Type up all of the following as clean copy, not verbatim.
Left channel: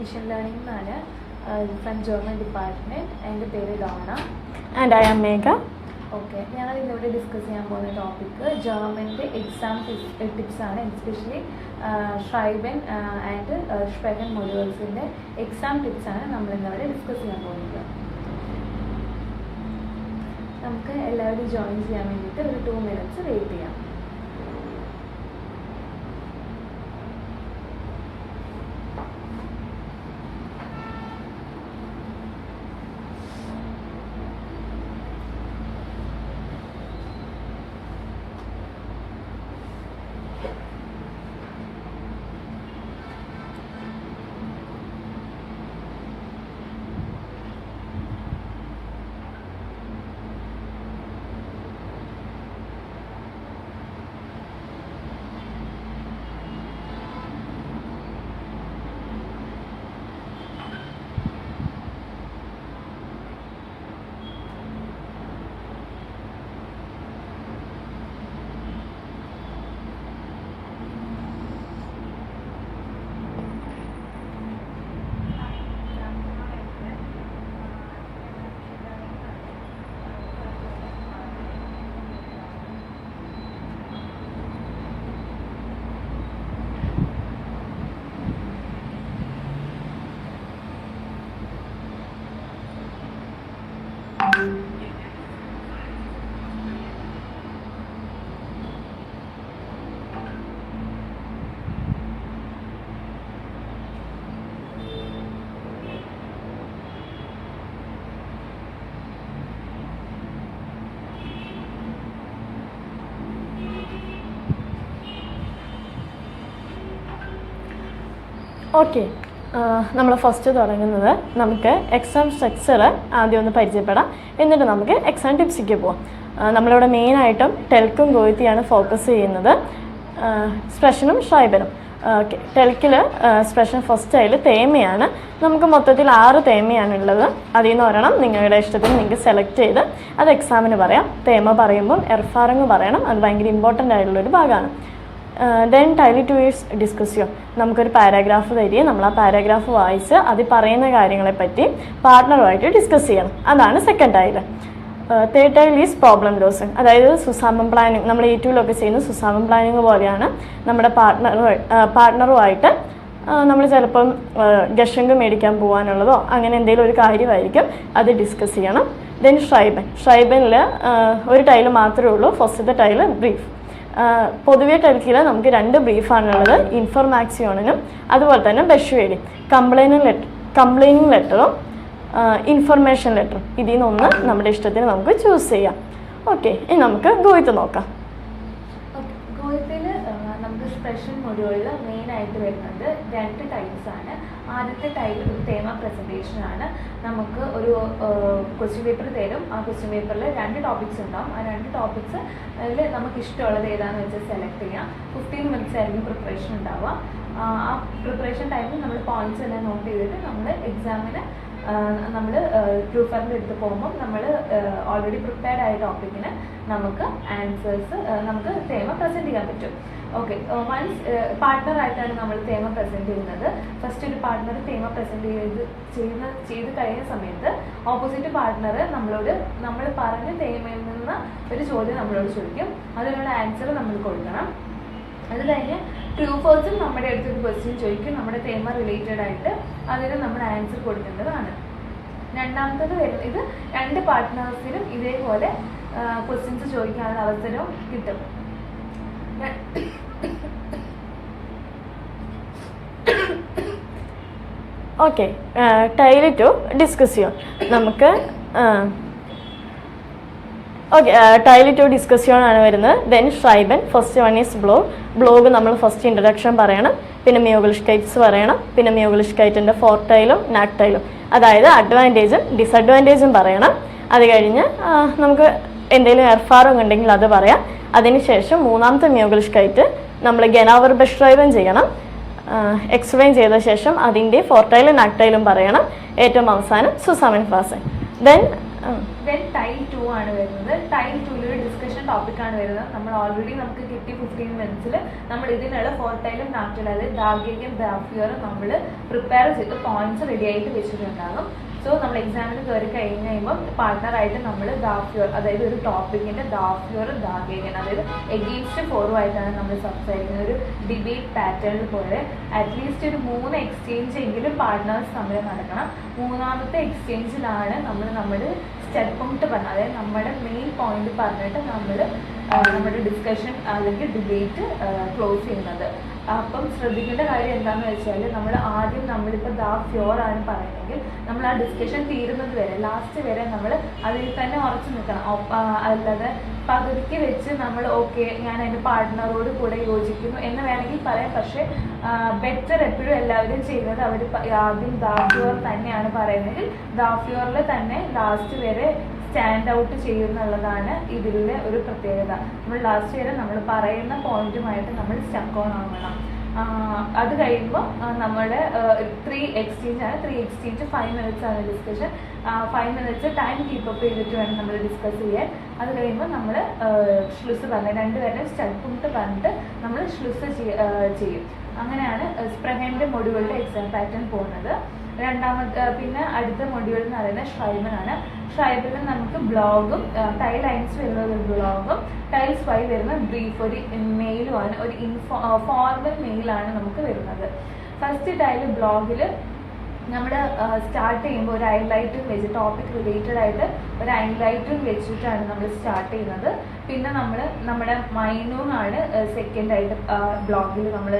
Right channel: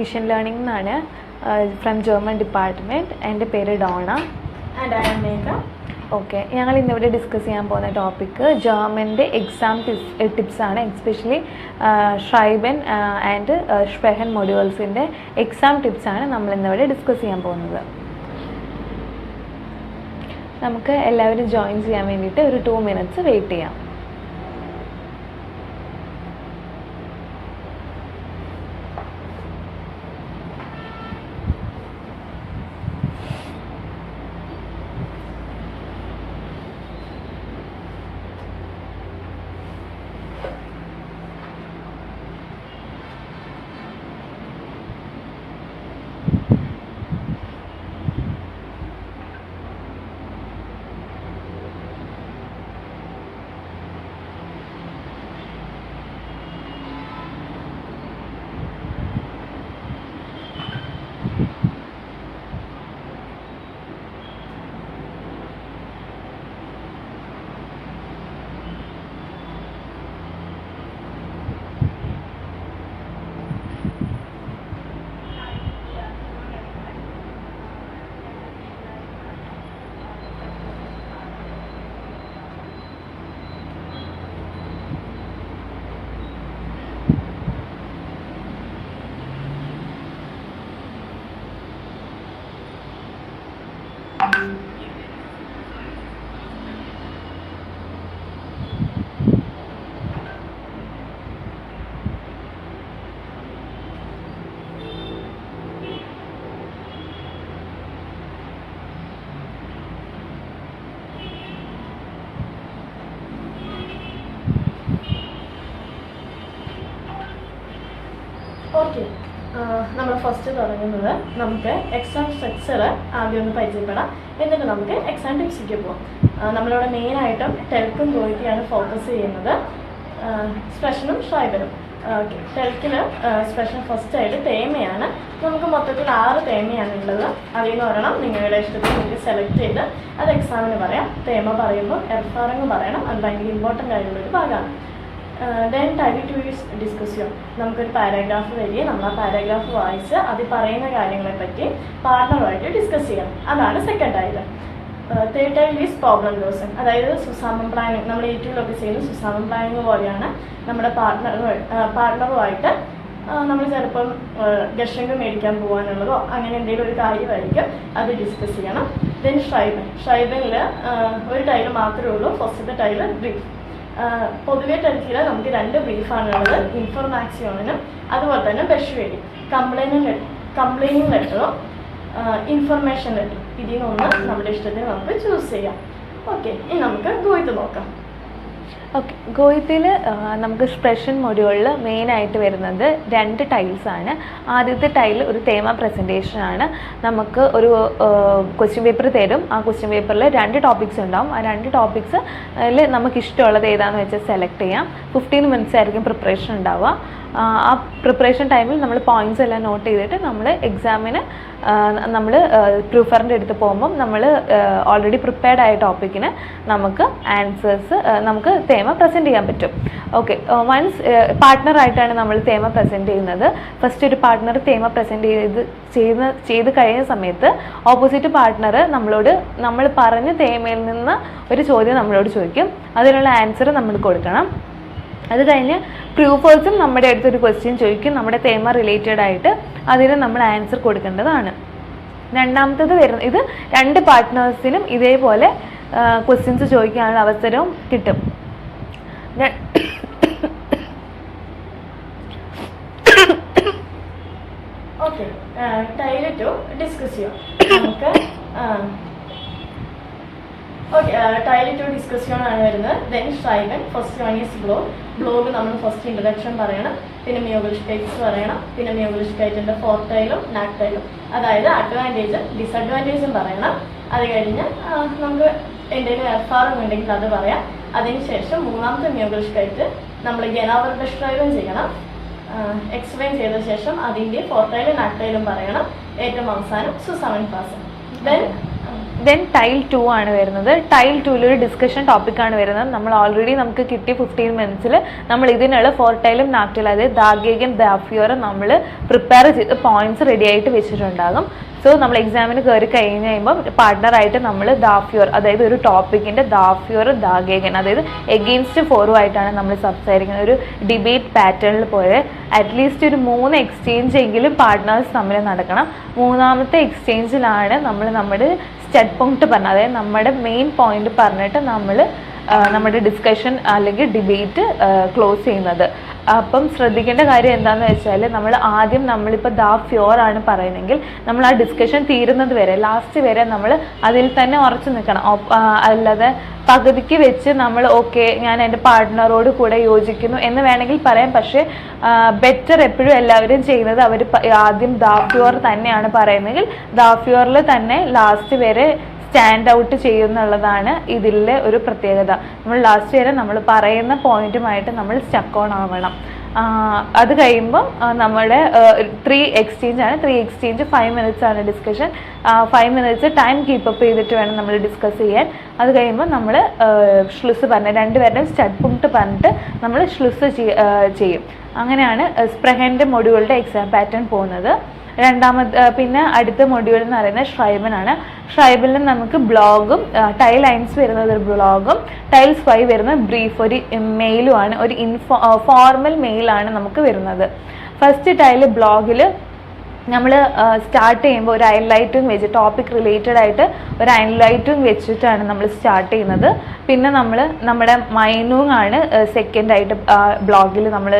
Vision learning എന്നാണ് from German department. എൻ്റെ പേര് Dona. And I am Megha. Okay, ഞങ്ങൾ ഇന്നിവിടെ ഡിസ്കസ് ചെയ്യാൻ പോകുന്ന ടോപ്പിക്ക് ജർമ്മൻ്റെ എക്സാം ടിപ്സാണ്. എസ്പെഷ്യലി ഷ്രൈബൻ ആൻഡ് സ്പ്രെഹൻ മൊഡ്യൂൾസിൻ്റെ എക്സാം ടിപ്സാണ് നമ്മൾ ഇന്നിവിടെ ഡിസ്കസ് ചെയ്യാൻ പോകുന്നത്. നമുക്ക് എല്ലാവരും ജോയിൻ ചെയ്യാൻ വേണ്ടിയിട്ട് ഒരു 2 minutes വെയിറ്റ് ചെയ്യാം. ഓക്കെ, നമ്മൾ ഫസ്റ്റ് തുടങ്ങുന്നത് നമുക്ക് എക്സാം സ്ട്രക്ചർ ആദ്യം ഒന്ന് പരിചയപ്പെടാം. എന്നിട്ട് നമുക്ക് എക്സാം ടിപ്സിലേക്ക് പോകാം. നമ്മളിവിടെ മെയിനായിട്ടും ടെൽക്കും ഗോയിത്തിയാണ് ഫോക്കസ് ചെയ്യുന്നത്, സ്പ്രെഷനും ഷ്രൈബനും. ഓക്കെ, ടെൽക്കിൽ സ്പ്രെഷൻ ഫസ്റ്റ് ആയിട്ട് തേമയാണ്. നമുക്ക് മൊത്തത്തിൽ 6 തേമയാണുള്ളത്. അതിൽ നിന്ന് ഒരെണ്ണം നിങ്ങളുടെ ഇഷ്ടത്തിന് നിങ്ങൾക്ക് സെലക്ട് ചെയ്ത് അത് എക്സാമിന് പറയാം. തേമ പറയുമ്പോൾ എർഫാറിങ് പറയണം, അത് ഭയങ്കര ഇമ്പോർട്ടൻ്റ് ആയിട്ടുള്ളൊരു ഭാഗമാണ്. ദെൻ ടൈലി 2 years ഡിസ്കസ്. നമുക്കൊരു പാരാഗ്രാഫ് തരിക, നമ്മൾ ആ പാരാഗ്രാഫ് വായിച്ച് അതിൽ പറയുന്ന കാര്യങ്ങളെപ്പറ്റി പാർട്ട്ണറുമായിട്ട് ഡിസ്കസ് ചെയ്യണം. അതാണ് second tile. Third tile is problem dosing, അതായത് സുസാമം പ്ലാനിങ്. നമ്മൾ ഏറ്റവും ചെയ്യുന്ന സുസാമം പ്ലാനിങ് പോലെയാണ്. നമ്മുടെ പാർട്ട്ണറുമായിട്ട് നമ്മൾ ചിലപ്പം ഗഷങ്ക് മേടിക്കാൻ പോകാനുള്ളതോ അങ്ങനെ എന്തെങ്കിലും ഒരു കാര്യമായിരിക്കും, അത് ഡിസ്കസ് ചെയ്യണം. ദെൻ ഷ്രൈബനിൽ ഒരു ടൈല് മാത്രമേ ഉള്ളൂ. ഫസ്റ്റത്തെ ടൈല് ബ്രീഫ്. പൊതുവെ ടെൽക്കിൽ നമുക്ക് 2 ബ്രീഫാണുള്ളത്, ഇൻഫർമാക്സിയോണിനും അതുപോലെ തന്നെ ബെഷ്വേഡിങ്. Complaining ലെറ്ററും information ലെറ്ററും. ഇതിൽ നിന്നൊന്ന് നമ്മുടെ ഇഷ്ടത്തിന് നമുക്ക് ചൂസ് ചെയ്യാം. ഓക്കെ, ഇനി നമുക്ക് ഗോയിത്ത് നോക്കാം. ഓക്കെ, ഗോയിത്തിൽ നമുക്ക് സ്പ്രെഷൻ മൊഡ്യൂളിൽ മെയിനായിട്ട് വരുന്നത് 2 ടൈൽസാണ്. ആദ്യത്തെ ടൈൽ ഒരു തേമ പ്രസൻറ്റേഷനാണ്. നമുക്ക് ഒരു ക്വസ്റ്റ്യൻ പേപ്പർ തരും. ആ ക്വസ്റ്റ്യൻ പേപ്പറിൽ 2 ടോപ്പിക്സ് ഉണ്ടാവും. ആ 2 ടോപ്പിക്സിൽ നമുക്ക് ഇഷ്ടമുള്ളത് ഏതാണെന്ന് വെച്ചാൽ സെലക്ട് ചെയ്യാം. 15 minutes ആയിരിക്കും പ്രിപ്പറേഷൻ ഉണ്ടാവുക. ആ പ്രിപ്പറേഷൻ ടൈമിൽ നമ്മൾ പോയിൻറ്റ്സ് എല്ലാം നോട്ട് ചെയ്തിട്ട് നമ്മൾ എക്സാമിന് നമ്മൾ പ്രൂഫറിൻ്റെ അടുത്ത് പോകുമ്പം നമ്മൾ ഓൾറെഡി പ്രിപ്പയർഡ് ആയ ടോപ്പിക്കിന് നമുക്ക് ആൻസേഴ്സ് നമുക്ക് തേമ പ്രസൻറ്റ് ചെയ്യാൻ പറ്റും. ഓക്കെ, വൺസ് പാർട്ട്ണറായിട്ടാണ് നമ്മൾ തേമ പ്രസൻറ്റ് ചെയ്യുന്നത്. ഫസ്റ്റ് ഒരു പാർട്ട്ണർ തേമ പ്രസൻറ്റ് ചെയ്ത് കഴിഞ്ഞ സമയത്ത് ഓപ്പോസിറ്റ് പാർട്ട്ണർ നമ്മളോട് നമ്മൾ പറഞ്ഞ തേമയിൽ നിന്ന് ഒരു ചോദ്യം നമ്മളോട് ചോദിക്കും. അതിനുള്ള ആൻസർ നമ്മൾ കൊടുക്കണം. അത് കഴിഞ്ഞ് പ്രൂഫേഴ്സും നമ്മുടെ അടുത്തൊരു ക്വസ്റ്റ്യൻ ചോദിക്കും നമ്മുടെ തേമ റിലേറ്റഡ് ആയിട്ട്. അതിന് നമ്മൾ ആൻസർ കൊടുക്കേണ്ടതാണ്. രണ്ടാമത്തത് വരുന്നത്, ഇത് 2 പാർട്ട്നേഴ്സിനും ഇതേപോലെ ക്വസ്റ്റ്യൻസ് ചോദിക്കാനുള്ള അവസരവും കിട്ടും. ഓക്കെ, ടൈല് 2 ഡിസ്കസ് ചെയ്യാം നമുക്ക്. ഓക്കെ, ടൈല് 2 ഡിസ്കസ് ചെയ്യാനാണ് വരുന്നത്. Then Schreiben. First one is blog. നമ്മൾ ഫസ്റ്റ് ഇൻട്രഡക്ഷൻ പറയണം, പിന്നെ മ്യൂഗിളിഷ്കൈറ്റ്സ് പറയണം, പിന്നെ മ്യൂഗിളിഷ്കൈറ്റിൻ്റെ 4th ടൈലും നാക് ടൈലും, അതായത് അഡ്വാൻറ്റേജും ഡിസഡ്വാൻറ്റേജും പറയണം. അത് കഴിഞ്ഞ് നമുക്ക് എന്തെങ്കിലും എർഫാറും ഉണ്ടെങ്കിൽ അത് പറയാം. അതിനുശേഷം 3ാമത്തെ മ്യൂഗിളിഷ്കൈറ്റ് നമ്മൾ ഗനാവർ ബെഷ്ട്രൈബൻ ചെയ്യണം. എക്സ്പ്ലെയിൻ ചെയ്ത ശേഷം അതിൻ്റെ 4th ടൈലും നാക് ടൈലും പറയണം. ഏറ്റവും അവസാനം സുസാമൻ ഫാസൻ. ദെൻ ദെൻ ടൈൽ 2 ആണ് വരുന്നത്. ടൈൽ 2 ഒരു ഡിസ്കഷൻ ടോപ്പിക്കാണ് വരുന്നത്. നമ്മൾ ഓൾറെഡി നമുക്ക് കിട്ടിയ 15 മിനിറ്റ്സിൽ നമ്മൾ ഇതിനുള്ള ഫോർട്ടൈലും നാക്ടൈലും, അതായത് ദാഗേഗൻ ദാഫ്യൂറും നമ്മൾ പ്രിപ്പയർ ചെയ്ത് പോയിന്റ്സ് റെഡി ആയിട്ട് വെച്ചിട്ടുണ്ടാകും. സോ നമ്മൾ എക്സാമിന് കയറി കഴിഞ്ഞ് കഴിയുമ്പോൾ പാർട്ട്ണറായിട്ട് നമ്മൾ ദാഫ്യൂർ, അതായത് ഒരു ടോപ്പിക്കിൻ്റെ ദാഫ്യൂർ ദാഗേഗൻ, അതായത് എഗെയിൻസ്റ്റ് ഫോറുമായിട്ടാണ് നമ്മൾ സംസാരിക്കുന്നത്. ഒരു ഡിബേറ്റ് പാറ്റേണിൽ പോലെ അറ്റ്ലീസ്റ്റ് ഒരു 3 എക്സ്ചേഞ്ച് എങ്കിലും പാർട്ട്നേഴ്സ് തമ്മിൽ നടക്കണം. മൂന്നാമത്തെ എക്സ്ചേഞ്ചിലാണ് നമ്മൾ നമ്മുടെ സ്റ്റഡ് പോയിന്റ് പറഞ്ഞത്, അതായത് നമ്മുടെ മെയിൻ പോയിന്റ് പറഞ്ഞിട്ട് നമ്മൾ നമ്മുടെ ഡിസ്കഷൻ അല്ലെങ്കിൽ ഡിബേറ്റ് ക്ലോസ് ചെയ്യുന്നത്. അപ്പം ശ്രദ്ധിക്കേണ്ട കാര്യം എന്താണെന്ന് വെച്ചാൽ നമ്മളിപ്പോൾ ഫ്യോർ ആണ് പറയുന്നതെങ്കിൽ നമ്മൾ ആ ഡിസ്കഷൻ തീരുന്നത് വരെ, ലാസ്റ്റ് വരെ നമ്മൾ അതിൽ തന്നെ ഉറച്ചു നിൽക്കണം. അല്ലാതെ പകുതിക്ക് വെച്ച് നമ്മൾ ഓക്കെ ഞാൻ എൻ്റെ പാർട്ട്ണറോട് കൂടെ യോജിക്കുന്നു എന്ന് വേണമെങ്കിൽ പറയാം. പക്ഷേ ബെറ്റർ എപ്പോഴും എല്ലാവരും ചെയ്യുന്നത് അവർ ആദ്യം ഫ്യോർ തന്നെയാണ് പറയുന്നതെങ്കിൽ ഫ്യോറിൽ തന്നെ ലാസ്റ്റ് വരെ സ്റ്റാൻഡ് ഔട്ട് ചെയ്യുന്നുള്ളതാണ് ഇതിലെ ഒരു പ്രത്യേകത. നമ്മൾ ലാസ്റ്റ് വരെ നമ്മൾ പറയുന്ന പോയിന്റുമായിട്ട് നമ്മൾ സ്റ്റക്ക് ഓൺ ആവണം. അത് കഴിയുമ്പം നമ്മുടെ 3 എക്സ്ചേഞ്ച് ആണ്. 3 എക്സ്ചേഞ്ച് 5 മിനിറ്റ്സ് ആണ് ഡിസ്കഷൻ. 5 മിനിറ്റ്സ് ടൈം കീപ്പപ്പ് ചെയ്തിട്ട് വേണം നമ്മൾ ഡിസ്കസ് ചെയ്യാൻ. അത് കഴിയുമ്പോൾ നമ്മൾ ഷ്ലുസ് പറഞ്ഞ് രണ്ടുപേരുടെയും സ്റ്റഡ് പോയിന്റ് പറഞ്ഞിട്ട് നമ്മൾ ഷ്ലുസ് ചെയ്യും. അങ്ങനെയാണ് സ്പ്രെഹൻ്റെ മൊഡ്യൂളുടെ എക്സാം പാറ്റേൺ പോകുന്നത്. പിന്നെ അടുത്ത മൊഡ്യൂൾ എന്ന് പറയുന്നത് ഷ്രൈബൻ ആണ്. ഷ്രൈബനിൽ നമുക്ക് ബ്ലോഗും ടൈൽ ലൈൻസ് വരുന്നത് ഒരു ബ്ലോഗും ടൈൽസ് 5 വരുന്നത് ബ്രീഫ്, ഒരു മെയിലുമാണ്, ഒരു ഫോർമൽ മെയിലാണ് നമുക്ക് വരുന്നത്. ഫസ്റ്റ് ടൈല് ബ്ലോഗിൽ നമ്മൾ സ്റ്റാർട്ട് ചെയ്യുമ്പോൾ ഒരു ഹൈലൈറ്റും വെച്ച് ടോപ്പിക് റിലേറ്റഡ് ആയിട്ട് ഒരു ഹൈലൈറ്റും വെച്ചിട്ടാണ് നമ്മൾ സ്റ്റാർട്ട് ചെയ്യുന്നത്. പിന്നെ നമ്മുടെ മൈനൂങ് ആണ് സെക്കൻഡായിട്ട് ബ്ലോഗിൽ നമ്മൾ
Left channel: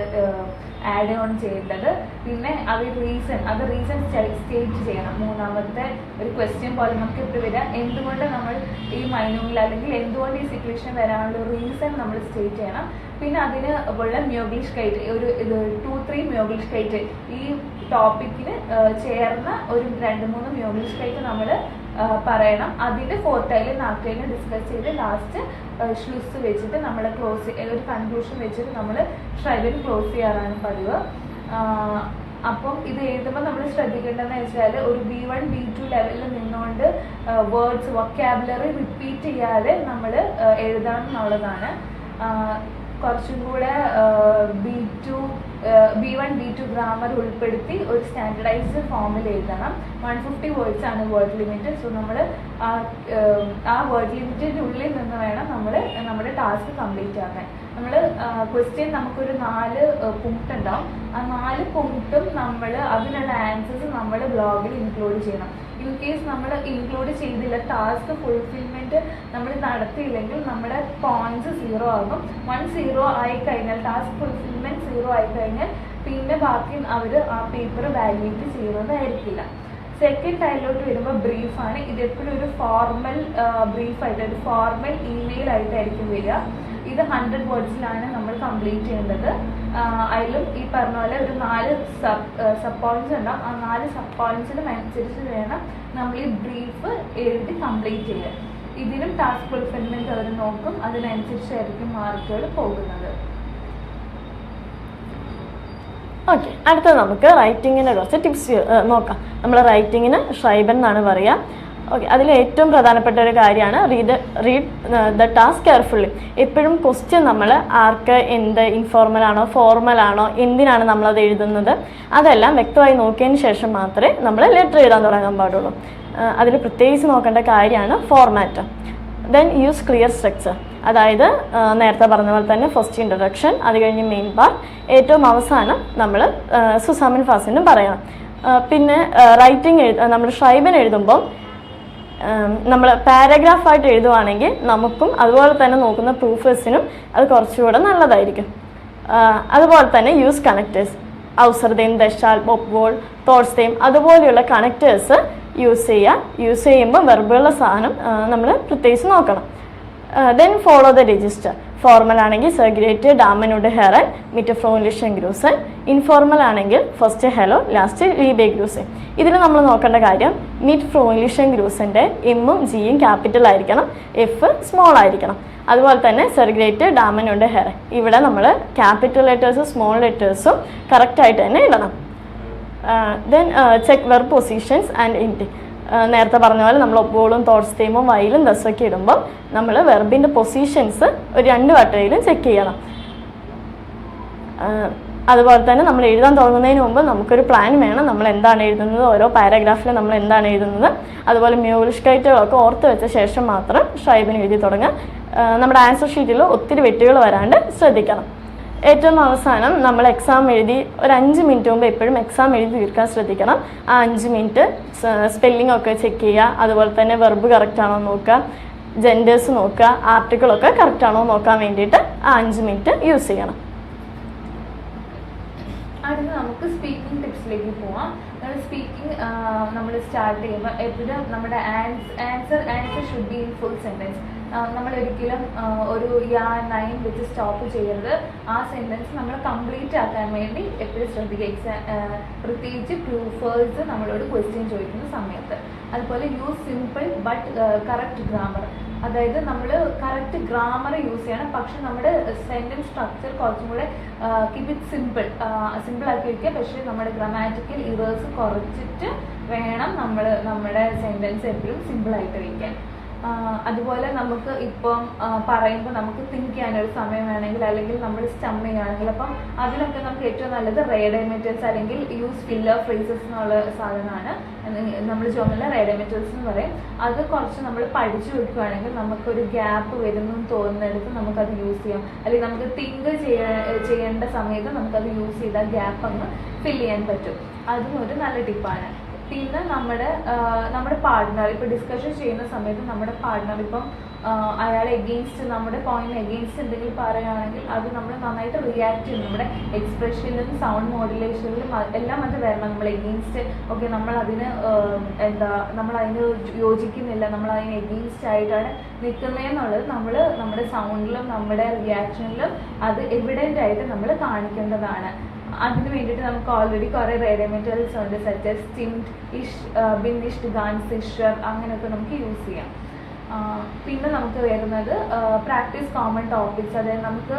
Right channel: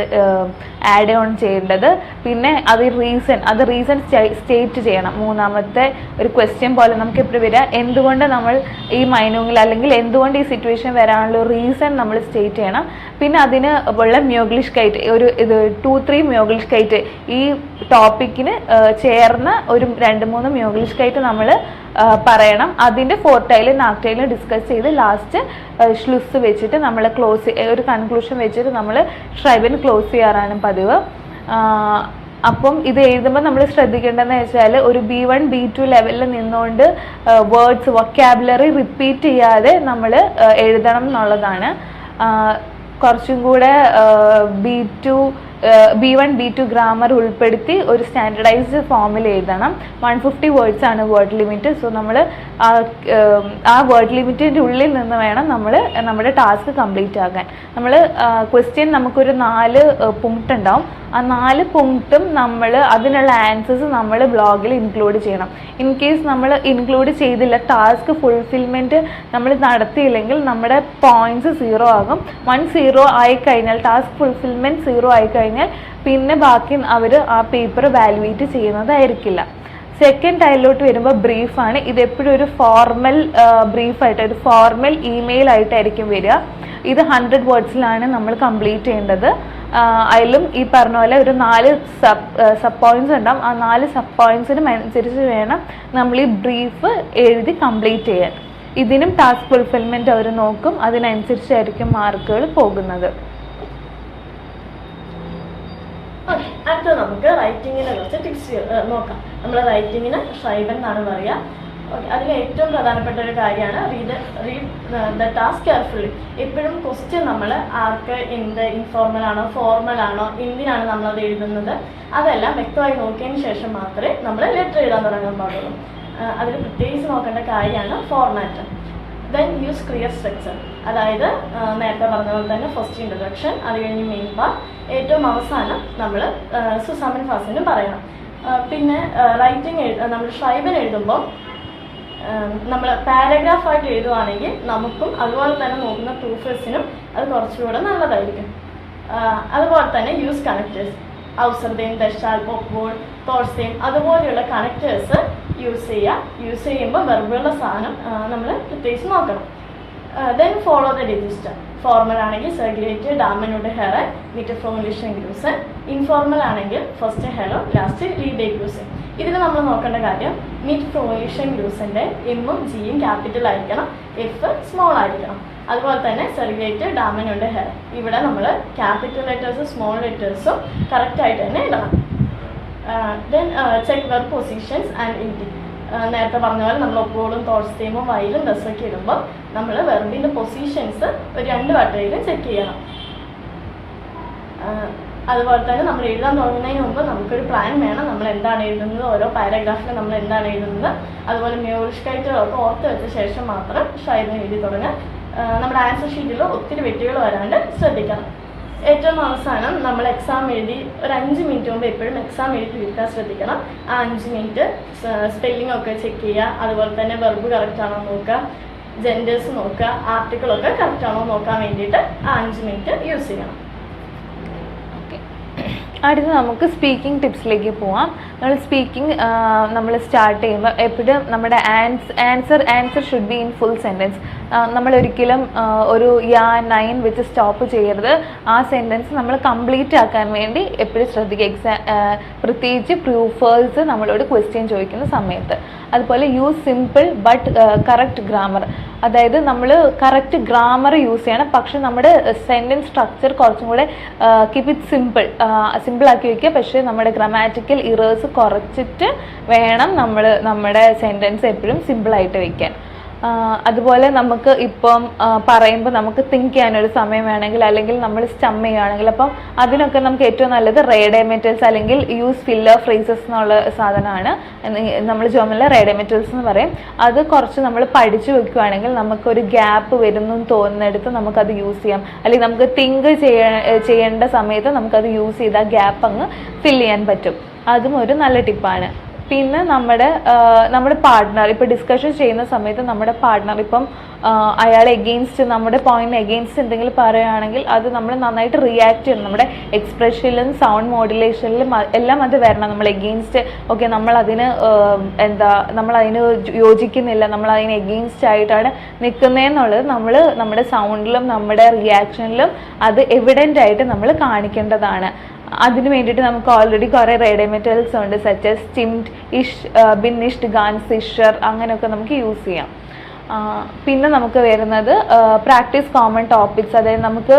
ആഡ് ഓൺ ചെയ്യേണ്ടത്. പിന്നെ അത് റീസൺ സ്റ്റേറ്റ് ചെയ്യണം. മൂന്നാമത്തെ ഒരു ക്വസ്റ്റ്യൻ പോലെ നമുക്ക് എപ്പോഴും വരിക, എന്തുകൊണ്ട് നമ്മൾ ഈ മൈനൂങ്ങിൽ അല്ലെങ്കിൽ എന്തുകൊണ്ട് ഈ സിറ്റുവേഷൻ വരാനുള്ള റീസൺ നമ്മൾ സ്റ്റേറ്റ് ചെയ്യണം. പിന്നെ അതിന് ഉള്ള മ്യോഗ്ലിഷ്കൈറ്റ് ഒരു 2-3 മ്യോഗ്ലിഷ്കൈറ്റ് ഈ ടോപ്പിക്കിന് ചേർന്ന ഒരു 2-3 മ്യോഗ്ലിഷ്കൈറ്റ് നമ്മൾ പറയണം. അതിൻ്റെ ഫോർട്ടൈലും നാക്ടൈലും ഡിസ്കസ് ചെയ്ത് ലാസ്റ്റ് ഷ്ലുസ് വെച്ചിട്ട് നമ്മൾ ഒരു കൺക്ലൂഷൻ വെച്ചിട്ട് നമ്മൾ ഷ്രൈബൻ ക്ലോസ് ചെയ്യാറാണ് പതിവ്. അപ്പം ഇത് എഴുതുമ്പോൾ നമ്മൾ ശ്രദ്ധിക്കേണ്ടതെന്ന് വെച്ചാൽ ഒരു B1 B2 ലെവലിൽ നിന്നുകൊണ്ട് വേർഡ്സ് വൊക്കാബുലറി റിപ്പീറ്റ് ചെയ്യാതെ നമ്മൾ എഴുതണം എന്നുള്ളതാണ്. കുറച്ചും കൂടെ B1 B2 ഗ്രാമർ ഉൾപ്പെടുത്തി ഒരു സ്റ്റാൻഡർഡൈസ്ഡ് ഫോമിൽ എഴുതണം. 150 വേർഡ്സ് ആണ് വേർഡ് ലിമിറ്റ്. സോ നമ്മൾ ആ വേർഡ് ലിമിറ്റിൻ്റെ ഉള്ളിൽ നിന്ന് വേണം നമ്മൾ നമ്മുടെ ടാസ്ക് കംപ്ലീറ്റ് ആക്കാൻ. നമ്മൾ ക്വസ്റ്റ്യൻ നമുക്കൊരു 4 പോയിന്റ് ഉണ്ടാവും. ആ 4 പോയിന്റും നമ്മൾ അതിനുള്ള ആൻസേഴ്സ് നമ്മൾ ബ്ലോഗിൽ ഇൻക്ലൂഡ് ചെയ്യണം. ഇൻ കേസ് നമ്മൾ ഇൻക്ലൂഡ് ചെയ്തില്ല, ടാസ്ക് ഫുൾഫിൽമെൻറ്റ് നമ്മൾ നടത്തിയില്ലെങ്കിൽ നമ്മുടെ പോയിന്റ്സ് 0 ആകും. 1 0 ആയിക്കഴിഞ്ഞാൽ ടാസ്ക് ഫുൾഫിൽമെൻറ്റ് 0 ആയിക്കഴിഞ്ഞാൽ പിന്നെ ബാക്കി അവർ ആ പേപ്പർ വാല്യുവേറ്റ് ചെയ്യുന്നതായിരിക്കില്ല. സെക്കൻഡ് ടൈലിലോട്ട് വരുമ്പോൾ ബ്രീഫാണ്. ഇതെപ്പോഴും ഒരു ഫോർമൽ ബ്രീഫായിട്ട് ഒരു ഫോർമൽ ഇമെയിൽ ആയിട്ടായിരിക്കും വരിക. ഇത് 100 വേർഡ്സിലാണ് നമ്മൾ കംപ്ലീറ്റ് ചെയ്യേണ്ടത്. അതിലും ഈ പറഞ്ഞ പോലെ ഒരു 4 സബ് പോയിന്റ്സ് ഉണ്ടാവും. ആ 4 സബ് പോയിന്റ്സിനും അനുസരിച്ച് വേണം നമ്മൾ ഈ ബ്രീഫ് എഴുതി കംപ്ലീറ്റ് ചെയ്യാൻ. ഇതിനും ടാസ്ക് ഫുൾഫിൽമെൻറ്റ് അവർ നോക്കും. അതിനനുസരിച്ചായിരിക്കും മാർക്കുകൾ പോകുന്നത്. ഓക്കെ, അടുത്തത് നമുക്ക് റൈറ്റിങ്ങിനെ കുറച്ച് ടിപ്സ് നോക്കാം. നമ്മൾ റൈറ്റിങ്ങിന് ഷ്രൈബൻ എന്നാണ് പറയുക. ഓക്കെ, അതിൽ ഏറ്റവും പ്രധാനപ്പെട്ട ഒരു കാര്യമാണ് റീഡ് ദ ടാസ്ക് കെയർഫുള്ളി. എപ്പോഴും ക്വസ്റ്റ്യൻ നമ്മൾ ആർക്ക് എന്ത് ഇൻഫോർമലാണോ ഫോർമലാണോ എന്തിനാണ് നമ്മളത് എഴുതുന്നത് അതെല്ലാം വ്യക്തമായി നോക്കിയതിന് ശേഷം മാത്രമേ നമ്മൾ ലെറ്റർ എഴുതാൻ തുടങ്ങാൻ പാടുള്ളൂ. അതിൽ പ്രത്യേകിച്ച് നോക്കേണ്ട കാര്യമാണ് format. Then use clear structure, അതായത് നേരത്തെ പറഞ്ഞ പോലെ തന്നെ ഫസ്റ്റ് ഇൻട്രൊഡക്ഷൻ, അത് കഴിഞ്ഞ് മെയിൻ പാർട്ട്, ഏറ്റവും അവസാനം നമ്മൾ സുസാമിൻ ഫാസിനും പറയണം. പിന്നെ റൈറ്റിംഗ് നമ്മൾ ഷ്രൈബൻ എഴുതുമ്പോൾ നമ്മൾ പാരഗ്രാഫായിട്ട് എഴുതുവാണെങ്കിൽ നമുക്കും അതുപോലെ തന്നെ നോക്കുന്ന പ്രൂഫേഴ്സിനും അത് കുറച്ചുകൂടെ നല്ലതായിരിക്കും. അതുപോലെ തന്നെ യൂസ് കണക്റ്റേഴ്സ്, ഔസർദേം, ദശാൽ, ബൊപ്വോൾ, തോട്സ്ദേം അതുപോലെയുള്ള കണക്റ്റേഴ്സ് യൂസ് ചെയ്യുമ്പോൾ വെർബുള്ള സാധനം നമ്മൾ പ്രത്യേകിച്ച് നോക്കണം. Then follow the register. Formal ആണെങ്കിൽ സെർഗ്രേറ്റ്, ഡാമനുഡ്, ഹെറൻ, മിറ്റ് ഫ്രോയിലിഷൻ ഗ്രൂസൻ. ഇൻഫോർമൽ ആണെങ്കിൽ ഫസ്റ്റ് ഹെലോ, ലാസ്റ്റ് ലീബെ ഗ്രൂസൻ. ഇതിൽ നമ്മൾ നോക്കേണ്ട കാര്യം മിറ്റ് ഫ്രോയിലിഷൻ ഗ്രൂസിൻ്റെ എമ്മും ജിയും ക്യാപിറ്റൽ ആയിരിക്കണം, എഫ് സ്മോൾ ആയിരിക്കണം. അതുപോലെ തന്നെ സെർഗ്രേറ്റ്, ഡാമനുഡ്, ഹെറൻ ഇവിടെ നമ്മൾ ക്യാപിറ്റൽ ലെറ്റേഴ്സും സ്മോൾ ലെറ്റേഴ്സും കറക്റ്റായിട്ട് തന്നെ എഴുതണം. Then check verb positions and ഇൻറ്റ്. നേരത്തെ പറഞ്ഞ പോലെ നമ്മൾ ഒപ്പോളും തോട്ട്സ് തീമും വൈലും ദസൊക്കെ ഇടുമ്പോൾ നമ്മൾ വെർബിൻ്റെ പൊസിഷൻസ് ഒരു 2 വട്ടയിലും ചെക്ക് ചെയ്യണം. അതുപോലെ തന്നെ നമ്മൾ എഴുതാൻ തുടങ്ങുന്നതിന് മുമ്പ് നമുക്കൊരു പ്ലാൻ വേണം. നമ്മൾ എന്താണ് എഴുതുന്നത്, ഓരോ പാരഗ്രാഫിൽ നമ്മൾ എന്താണ് എഴുതുന്നത്, അതുപോലെ മ്യൂറിഷ്കൈറ്റുകളൊക്കെ ഓർത്ത് വെച്ച ശേഷം മാത്രം ഷൈബിന് എഴുതി തുടങ്ങുക. നമ്മുടെ ആൻസർ ഷീറ്റിൽ ഒത്തിരി വെട്ടുകൾ വരാണ്ട് ശ്രദ്ധിക്കണം. ഏറ്റവും അവസാനം നമ്മൾ എക്സാം എഴുതി ഒരു 5 മിനിറ്റ് മുമ്പ് എപ്പോഴും എക്സാം എഴുതി തീർക്കാൻ ശ്രദ്ധിക്കണം. ആ 5 മിനിറ്റ് സ്പെല്ലിംഗ് ഒക്കെ ചെക്ക് ചെയ്യുക, അതുപോലെ തന്നെ വെർബ് കറക്റ്റ് ആണോ നോക്കുക, ജെൻഡേഴ്സ് നോക്കുക, ആർട്ടിക്കിളൊക്കെ കറക്റ്റ് ആണോ നോക്കാൻ വേണ്ടിയിട്ട് ആ 5 മിനിറ്റ് യൂസ് ചെയ്യണം. അടുത്ത് നമുക്ക് സ്പീക്കിംഗ് ടിപ്സിലേക്ക് പോവാം. നമ്മൾ സ്പീക്കിംഗ് നമ്മൾ സ്റ്റാർട്ട് ചെയ്യുമ്പോൾ എപ്പോഴും നമ്മുടെ answer should be in full sentence. നമ്മളൊരിക്കലും ഒരു യാ നൈൻ വെച്ച് സ്റ്റോപ്പ് ചെയ്യരുത്. ആ സെൻറ്റൻസ് നമ്മൾ കംപ്ലീറ്റ് ആക്കാൻ വേണ്ടി എപ്പോഴും ശ്രദ്ധിക്കുക. പ്രത്യേകിച്ച് പ്രൂഫേഴ്സ് നമ്മളോട് ക്വസ്റ്റ്യൻ ചോദിക്കുന്ന സമയത്ത്. അതുപോലെ use simple but correct grammar. അതായത് നമ്മൾ കറക്റ്റ് ഗ്രാമർ യൂസ് ചെയ്യണം, പക്ഷെ നമ്മുടെ സെൻറ്റൻസ് സ്ട്രക്ചർ കുറച്ചും കൂടെ കീപ്പ് ഇറ്റ് സിമ്പിളാക്കി വയ്ക്കുക. പക്ഷേ നമ്മുടെ ഗ്രാമാറ്റിക്കൽ ഇറേഴ്സ് കുറച്ചിട്ട് വേണം നമ്മുടെ സെൻറ്റൻസ് എപ്പോഴും സിമ്പിളായിട്ട് വയ്ക്കാൻ. അതുപോലെ നമുക്ക് ഇപ്പം പറയുമ്പോൾ നമുക്ക് തിങ്ക് ചെയ്യാനൊരു സമയം വേണമെങ്കിൽ, അല്ലെങ്കിൽ നമ്മൾ സ്റ്റം ചെയ്യുകയാണെങ്കിൽ, അപ്പം അതിനൊക്കെ നമുക്ക് ഏറ്റവും നല്ലത് റേഡിയോമെറ്റൽസ് അല്ലെങ്കിൽ യൂസ് ഫില്ലർ ഫ്രേസസ് എന്നുള്ള സാധനമാണ്. നമ്മൾ ജോമലിൽ റേഡിയോമെറ്റൽസ് എന്ന് പറയും. അത് കുറച്ച് നമ്മൾ പഠിച്ചു വെക്കുകയാണെങ്കിൽ നമുക്കൊരു ഗ്യാപ്പ് വരുന്നു തോന്നുന്നിടത്ത് നമുക്കത് യൂസ് ചെയ്യാം. അല്ലെങ്കിൽ നമുക്ക് തിങ്ക് ചെയ്യേണ്ട സമയത്ത് നമുക്കത് യൂസ് ചെയ്ത് ആ ഗ്യാപ്പ് അങ്ങ് ഫില്ല് ചെയ്യാൻ പറ്റും. അതും ഒരു നല്ല ടിപ്പാണ്. പിന്നെ നമ്മുടെ പാർട്ട്ണർ ഇപ്പോൾ ഡിസ്കഷൻ ചെയ്യുന്ന സമയത്ത് നമ്മുടെ പാർട്ട്ണർ ഇപ്പം അയാൾ എഗെയിൻസ്റ്റ് നമ്മുടെ പോയിന്റിന് എഗെയിൻസ്റ്റ് എന്തെങ്കിലും പറയുകയാണെങ്കിൽ അത് നമ്മൾ നന്നായിട്ട് റിയാക്ട് ചെയ്യണം. നമ്മുടെ എക്സ്പ്രഷനിലും സൗണ്ട് മോഡുലേഷനിലും എല്ലാം അത് വരണം. നമ്മൾ എഗെയിൻസ്റ്റ് ഓക്കെ, നമ്മളതിന് നമ്മളതിന് യോജിക്കുന്നില്ല, നമ്മളതിന് എഗെയിൻസ്റ്റ് ആയിട്ടാണ് നിൽക്കുന്നതെന്നുള്ളത് നമ്മുടെ സൗണ്ടിലും നമ്മുടെ റിയാക്ഷനിലും അത് എവിഡൻ്റ് ആയിട്ട് നമ്മൾ കാണിക്കേണ്ടതാണ്. അതിന് വേണ്ടിയിട്ട് നമുക്ക് ഓൾറെഡി കുറേ റേഡിയോമെറ്റൽസ് ഉണ്ട്, സച്ച് ആസ് സ്റ്റിംഡ്, ബിന്നിഷ്ഡ്, ഗാൻസ്, ഇഷർ, അങ്ങനെയൊക്കെ നമുക്ക് യൂസ് ചെയ്യാം. പിന്നെ നമുക്ക് വരുന്നത് പ്രാക്ടീസ് കോമൺ ടോപ്പിക്സ്. അതായത് നമുക്ക്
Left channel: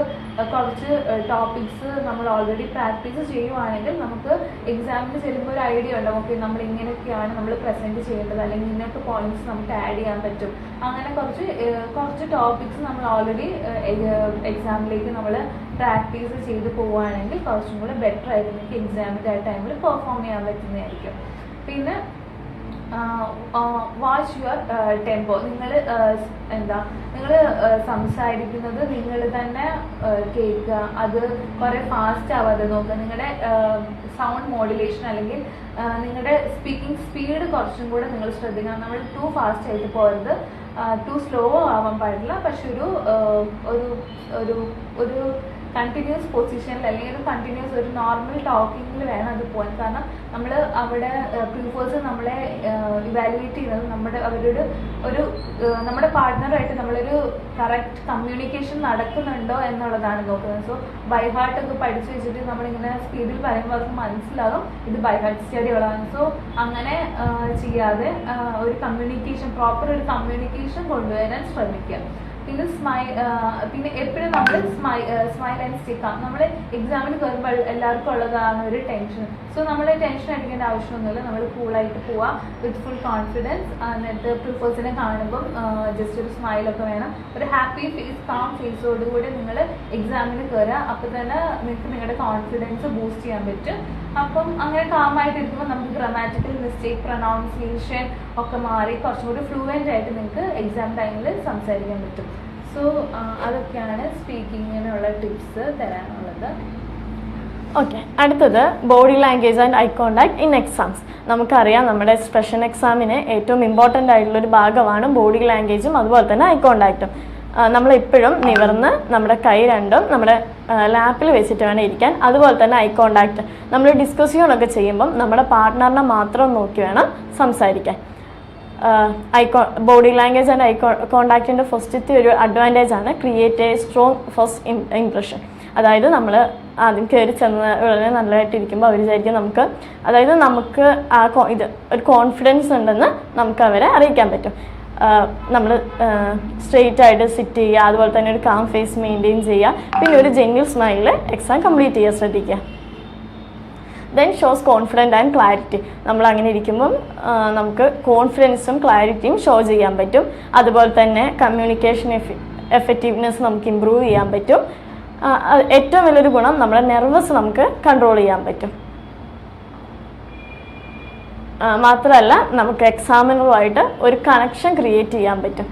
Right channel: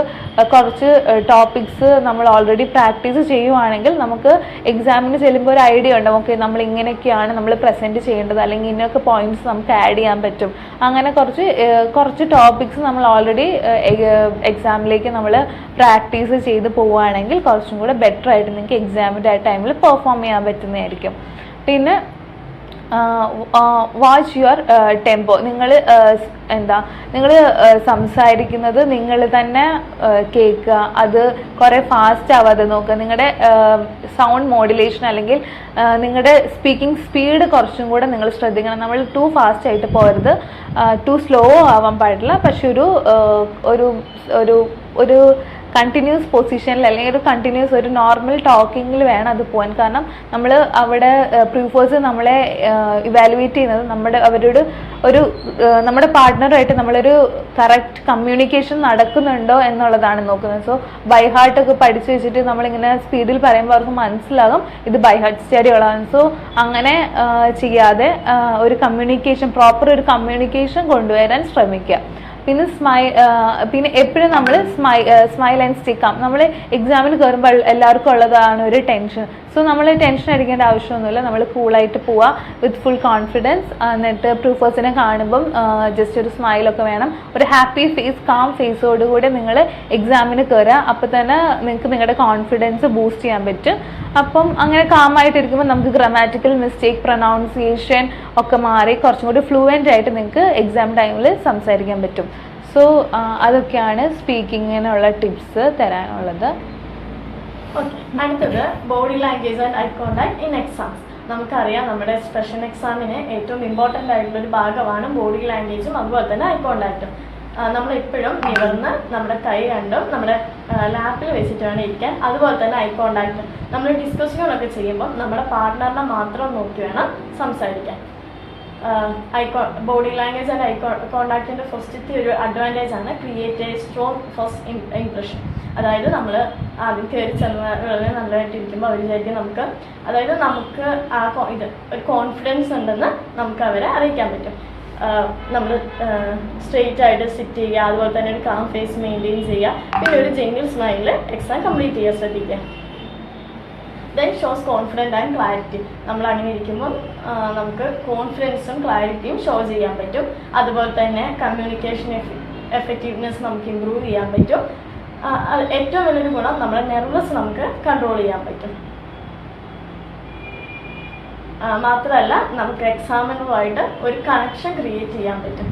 കുറച്ച് ടോപ്പിക്സ് നമ്മൾ ഓൾറെഡി പ്രാക്ടീസ് ചെയ്യുവാണെങ്കിൽ നമുക്ക് എക്സാമിന് ചെല്ലുമ്പോൾ ഒരു ഐഡിയ ഉണ്ടാവും. ഓക്കെ, നമ്മൾ ഇങ്ങനെയൊക്കെയാണ് നമ്മൾ പ്രസൻറ്റ് ചെയ്യേണ്ടത്, അല്ലെങ്കിൽ ഇങ്ങനെയൊക്കെ പോയിന്റ്സ് നമുക്ക് ആഡ് ചെയ്യാൻ പറ്റും. അങ്ങനെ കുറച്ച് ടോപ്പിക്സ് നമ്മൾ ഓൾറെഡി എക്സാമിലേക്ക് നമ്മൾ പ്രാക്ടീസ് ചെയ്ത് പോവുകയാണെങ്കിൽ കുറച്ചും കൂടെ ബെറ്റർ ആയിട്ട് നിങ്ങൾക്ക് എക്സാമിൻ്റെ ആ ടൈമിൽ പെർഫോം ചെയ്യാൻ പറ്റുന്നതായിരിക്കും. പിന്നെ വാച്ച് യുവർ ടെമ്പോ. നിങ്ങൾ സംസാരിക്കുന്നത് നിങ്ങൾ തന്നെ കേൾക്കുക, അത് കുറേ ഫാസ്റ്റ് ആവാതെ നോക്കുക. നിങ്ങളുടെ സൗണ്ട് മോഡുലേഷൻ അല്ലെങ്കിൽ നിങ്ങളുടെ സ്പീക്കിംഗ് സ്പീഡ് കുറച്ചും കൂടെ നിങ്ങൾ ശ്രദ്ധിക്കണം. നമ്മൾ ടു ഫാസ്റ്റ് ആയിട്ട് പോകരുത്, ടു സ്ലോ ആവാൻ പാടില്ല. പക്ഷെ ഒരു കണ്ടിന്യൂസ് പൊസിഷനിൽ അല്ലെങ്കിൽ ഒരു നോർമൽ ടോക്കിങ്ങിൽ വേണം അത് പോകാൻ. കാരണം നമ്മൾ അവിടെ പ്രൂഫേഴ്സ് നമ്മളെ ഇവാലുവേറ്റ് ചെയ്യുന്നത് നമ്മുടെ പാർട്ട്ണറുമായിട്ട് നമ്മളൊരു കറക്റ്റ് കമ്മ്യൂണിക്കേഷൻ നടക്കുന്നുണ്ടോ എന്നുള്ളതാണ് നോക്കുന്നത്. സോ ബൈ ഹാർട്ടൊക്കെ പഠിച്ചു വെച്ചിട്ട് നമ്മളിങ്ങനെ സ്പീഡിൽ പറയുമ്പോൾ അവർക്ക് മനസ്സിലാകും ഇത് ബൈ ഹാർട്ട് സ്റ്റഡി ഉള്ളതാണ്. സോ അങ്ങനെ ചെയ്യാതെ പ്രോപ്പർ ഒരു കമ്മ്യൂണിക്കേഷൻ കൊണ്ടുവരാൻ ശ്രമിക്കുക. പിന്നെ എപ്പോഴും നമ്മൾ സ്മൈൽ ആൻഡ് സ്റ്റിക്കാം. നമ്മൾ എക്സാമിന് കയറുമ്പോൾ എല്ലാവർക്കും ഉള്ളതാണ് ഒരു ടെൻഷൻ. സോ നമ്മൾ ടെൻഷൻ അടിക്കേണ്ട ആവശ്യമൊന്നുമില്ല. നമ്മൾ കൂളായിട്ട് പോവുക വിത്ത് ഫുൾ കോൺഫിഡൻസ്. എന്നിട്ട് പ്രൂഫേഴ്സിനെ കാണുമ്പം ജസ്റ്റ് ഒരു സ്മൈലൊക്കെ വേണം. ഒരു ഹാപ്പി ഫേസ്, കാം ഫേസോടുകൂടി നിങ്ങൾ എക്സാമിന് കയറുക. അപ്പോൾ തന്നെ നിങ്ങൾക്ക് നിങ്ങളുടെ കോൺഫിഡൻസ് ബൂസ്റ്റ് ചെയ്യാൻ പറ്റും. അപ്പം അങ്ങനെ കാമായിട്ടിരിക്കുമ്പോൾ നമുക്ക് ഗ്രാമാറ്റിക്കൽ മിസ്റ്റേക്ക്, പ്രൊനൗൺസിയേഷൻ ഒക്കെ മാറി കുറച്ചും കൂടി ഫ്ലുവൻ്റ് ആയിട്ട് നിങ്ങൾക്ക് എക്സാം ടൈമിൽ സംസാരിക്കാൻ പറ്റും. സോ അതൊക്കെയാണ് സ്പീക്കിങ്ങിനുള്ള ടിപ്സ് തരാനുള്ളത്. ഓക്കെ, അടുത്തത് body language and eye contact in exams. നമുക്കറിയാം നമ്മുടെ സ്പെഷ്യൽ എക്സാമിന് ഏറ്റവും ഇമ്പോർട്ടൻ്റ് ആയിട്ടുള്ളൊരു ഭാഗമാണ് ബോഡി ലാംഗ്വേജും അതുപോലെ തന്നെ ഐ കോണ്ടാക്റ്റും. നമ്മളെപ്പോഴും നിവർന്ന് നമ്മുടെ കൈ രണ്ടും നമ്മുടെ ലാപ്പിൽ വെച്ചിട്ട് വേണം ഇരിക്കാൻ. അതുപോലെ തന്നെ ഐ കോണ്ടാക്ട്, നമ്മൾ ഡിസ്കഷനൊക്കെ ചെയ്യുമ്പം നമ്മുടെ പാർട്ട്ണറിനെ മാത്രം നോക്കി വേണം സംസാരിക്കാൻ. ബോഡി ലാംഗ്വേജ് ആൻഡ് ഐ കോണ്ടാക്റ്റിൻ്റെ ഫസ്റ്റത്തെ ഒരു അഡ്വാൻറ്റേജ് ആണ് create A strong first impression. അതായത് നമ്മൾ ആദ്യം കയറി ചെന്ന് ഉടനെ നല്ലതായിട്ടിരിക്കുമ്പോൾ അവർ വിചാരിക്കും നമുക്ക് ഒരു കോൺഫിഡൻസ് ഉണ്ടെന്ന് നമുക്ക് അവരെ അറിയിക്കാൻ പറ്റും. നമ്മൾ സ്ട്രെയിറ്റ് ആയിട്ട് സിറ്റ് ചെയ്യുക, അതുപോലെ തന്നെ ഒരു കാം ഫേസ് മെയിൻറ്റെയിൻ ചെയ്യുക, പിന്നെ ഒരു ജെന്യൂൻ സ്മൈലിൽ എക്സാം കംപ്ലീറ്റ് ചെയ്യാൻ ശ്രദ്ധിക്കുക. Then shows confident and clarity. നമ്മൾ അങ്ങനെ ഇരിക്കുമ്പം നമുക്ക് കോൺഫിഡൻസും ക്ലാരിറ്റിയും ഷോ ചെയ്യാൻ പറ്റും. അതുപോലെ തന്നെ കമ്മ്യൂണിക്കേഷൻ എഫക്റ്റീവ്നെസ് നമുക്ക് ഇമ്പ്രൂവ് ചെയ്യാൻ പറ്റും. ഏറ്റവും വലിയൊരു ഗുണം നമ്മുടെ നെർവസ് നമുക്ക് കൺട്രോൾ ചെയ്യാൻ പറ്റും. മാത്രമല്ല നമുക്ക് എക്സാമിനുമായിട്ട് ഒരു കണക്ഷൻ ക്രിയേറ്റ് ചെയ്യാൻ പറ്റും.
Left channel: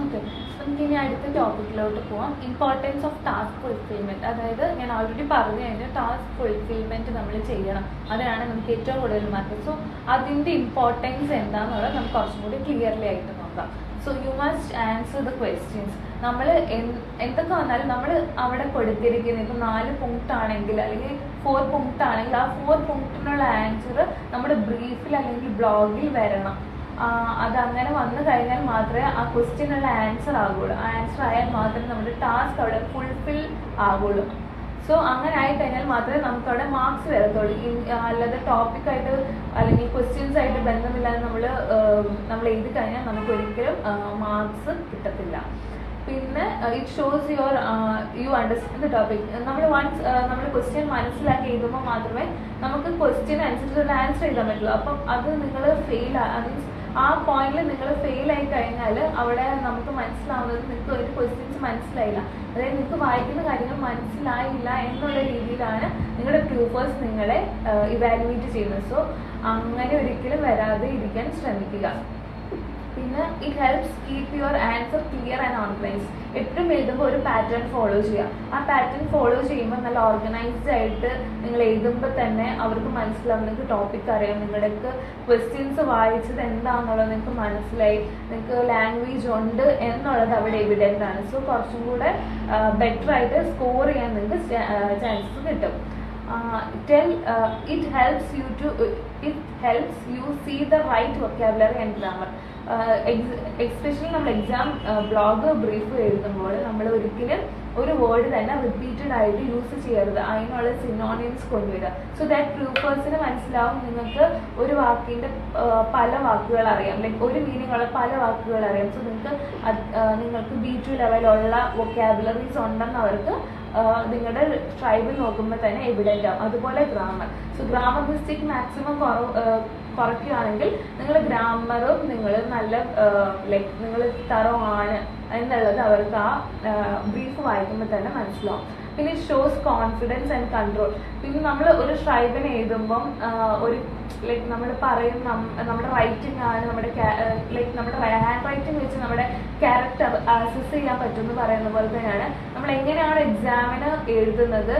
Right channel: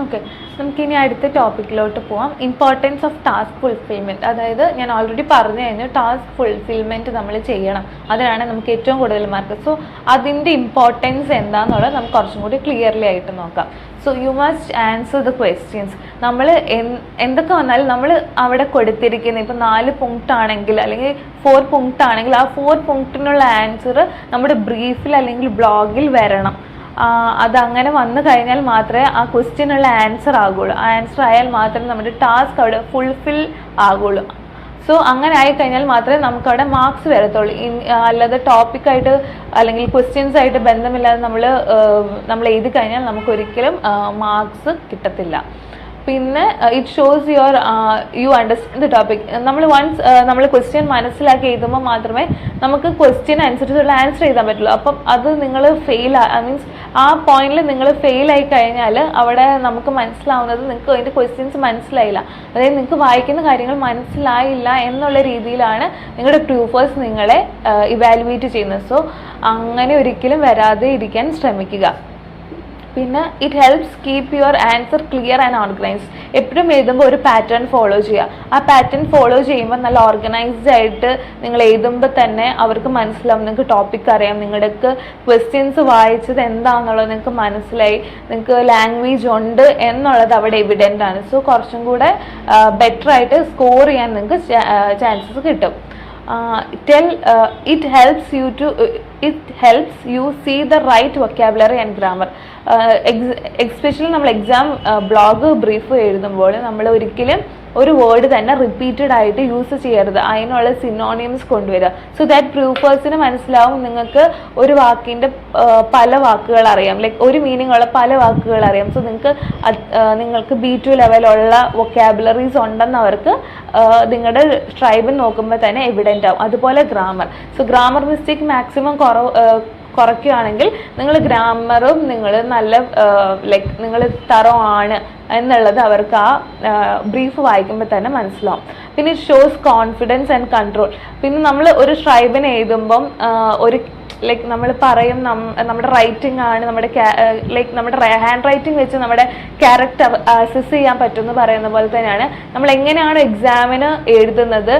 ഓക്കെ, നമുക്കിനി അടുത്ത ടോപ്പിക്കിലോട്ട് പോവാം. Importance of task fulfilment. അതായത് ഞാൻ ഓൾറെഡി പറഞ്ഞു കഴിഞ്ഞു, ടാസ്ക് ഫുൾഫിൽമെൻറ്റ് നമ്മൾ ചെയ്യണം, അതിനാണ് നമുക്ക് ഏറ്റവും കൂടുതൽ മാർക്ക്. സോ അതിൻ്റെ ഇമ്പോർട്ടൻസ് എന്താണെന്നുള്ളത് നമുക്ക് കുറച്ചും കൂടി ക്ലിയർലി ആയിട്ട് നോക്കാം. So you must answer the questions. നമ്മൾ എന്തൊക്കെ വന്നാലും നമ്മൾ അവിടെ കൊടുത്തിരിക്കുന്ന ഇപ്പോൾ 4 പോയിന്റ് ആണെങ്കിൽ അല്ലെങ്കിൽ 4 പോയിന്റ് ആണെങ്കിൽ ആ 4 പോയിന്റിനുള്ള ആൻസർ നമ്മുടെ ബ്രീഫിൽ അല്ലെങ്കിൽ ബ്ലോഗിൽ വരണം. അതങ്ങനെ വന്നു കഴിഞ്ഞാൽ മാത്രമേ ആ ക്വസ്റ്റ്യനുള്ള ആൻസർ ആകുള്ളൂ. ആ ആൻസർ ആയാൽ മാത്രമേ നമ്മുടെ ടാസ്ക് അവിടെ ഫുൾഫിൽ ആകുള്ളൂ. സോ അങ്ങനെ ആയിക്കഴിഞ്ഞാൽ മാത്രമേ നമുക്കവിടെ മാർക്സ് വരത്തുള്ളൂ. അല്ലാതെ ടോപ്പിക്കായിട്ട് അല്ലെങ്കിൽ ക്വസ്റ്റ്യൻസ് ആയിട്ട് ബന്ധമില്ലാതെ നമ്മൾ എഴുതി കഴിഞ്ഞാൽ നമുക്കൊരിക്കലും മാർക്സ് കിട്ടത്തില്ല. പിന്നെ it shows you understand the topic. നമ്മൾ ക്വസ്റ്റ്യൻ മനസ്സിലാക്കി എഴുതുമ്പോൾ മാത്രമേ നമുക്ക് ക്വസ്റ്റ്യൻ അനുസരിച്ചുള്ള ആൻസർ എഴുതാൻ പറ്റുള്ളൂ. അപ്പം അത് നിങ്ങൾ മീൻസ് ആ പോയിന്റിൽ നിങ്ങൾ ഫെയിൽ ആയി കഴിഞ്ഞാൽ അവിടെ നമുക്ക് മനസ്സിലാവുന്നത് നിങ്ങൾക്ക് അതിൻ്റെ ക്വസ്റ്റ്യൻസ് മനസ്സിലായില്ല, അതായത് നിങ്ങൾക്ക് വായിക്കുന്ന കാര്യങ്ങൾ മനസ്സിലായില്ല എന്നുള്ള രീതിയിലാണ് നിങ്ങളുടെ പ്രൂഫേഴ്സ് നിങ്ങളെ ഇവാലുവേറ്റ് ചെയ്യുന്നത്. സോ അങ്ങനെ ഒരിക്കലും വരാതെ ഇരിക്കാൻ ശ്രമിക്കുക. പിന്നെ it helps keep your answer clear and organised. എപ്പോഴും എഴുതുമ്പോൾ ഒരു പാറ്റേൺ ഫോളോ ചെയ്യുക. ആ പാറ്റേൺ ഫോളോ ചെയ്യുമ്പോൾ നല്ല ഓർഗനൈസ്ഡ് ആയിട്ട് നിങ്ങൾ എഴുതുമ്പോൾ തന്നെ അവർക്ക് മനസ്സിലാവും, നിങ്ങൾക്ക് ടോപ്പിക് അറിയാം, നിങ്ങൾക്ക് ക്വസ്റ്റ്യൻസ് വായിച്ചത് എന്താണെന്നുള്ളത് നിങ്ങൾക്ക് മനസ്സിലായി, നിങ്ങൾക്ക് ലാംഗ്വേജ് ഉണ്ട് എന്നുള്ളത് അവിടെ എവിഡൻ്റ് ആണ്. സോ കുറച്ചും കൂടെ ബെറ്റർ ആയിട്ട് സ്കോർ ചെയ്യാൻ നിങ്ങൾക്ക് ചാൻസസ് കിട്ടും. It helps you see the right vocabulary and grammar. Especially നമ്മൾ എക്സാം ബ്ലോഗ് ബ്രീഫ് എഴുതുമ്പോൾ നമ്മൾ ഒരിക്കലും ഒരു വേർഡ് തന്നെ റിപ്പീറ്റഡ് ആയിട്ട് യൂസ് ചെയ്യരുത്. അതിനുള്ള സിനോണിംസ് കൊണ്ടുവരിക. സോ ദാറ്റ് പ്രൂഫേഴ്സിന് മനസ്സിലാവും നിങ്ങൾക്ക് ഒരു വാക്കിൻ്റെ പല വാക്കുകൾ അറിയാം, ലൈക്ക് ഒരു മീനിങ് ഉള്ള പല വാക്കുകൾ അറിയാം. സോ നിങ്ങൾക്ക് B2 ലെവലുള്ള വൊക്കാബുലറീസ് ഉണ്ടെന്ന് അവർക്ക് നിങ്ങളുടെ ട്രൈബിൽ നോക്കുമ്പോൾ തന്നെ എവിഡൻ്റ് ആവും. അതുപോലെ grammar. So grammar mistake maximum കുറയ്ക്കുകയാണെങ്കിൽ നിങ്ങൾ ഗ്രാമറും നിങ്ങൾ നല്ല ലൈക്ക് നിങ്ങൾ തറോ ആണ് എന്നുള്ളത് അവർക്ക് ആ ബ്രീഫ് വായിക്കുമ്പോൾ തന്നെ മനസ്സിലാവും. പിന്നെ ഷോസ് കോൺഫിഡൻസ് ആൻഡ് കൺട്രോൾ. പിന്നെ നമ്മൾ ഒരു ട്രൈബിനെ എഴുതുമ്പം ഒരു ലൈക്ക് നമ്മൾ പറയും നമ്മുടെ റൈറ്റിംഗ് ആണ് ലൈക്ക് നമ്മുടെ ഹാൻഡ് റൈറ്റിംഗ് വെച്ച് നമ്മുടെ ക്യാരക്ടർ അസസ് ചെയ്യാൻ പറ്റുമെന്ന് പറയുന്ന പോലെ തന്നെയാണ് നമ്മൾ എങ്ങനെയാണ് എക്സാമിന് എഴുതുന്നത്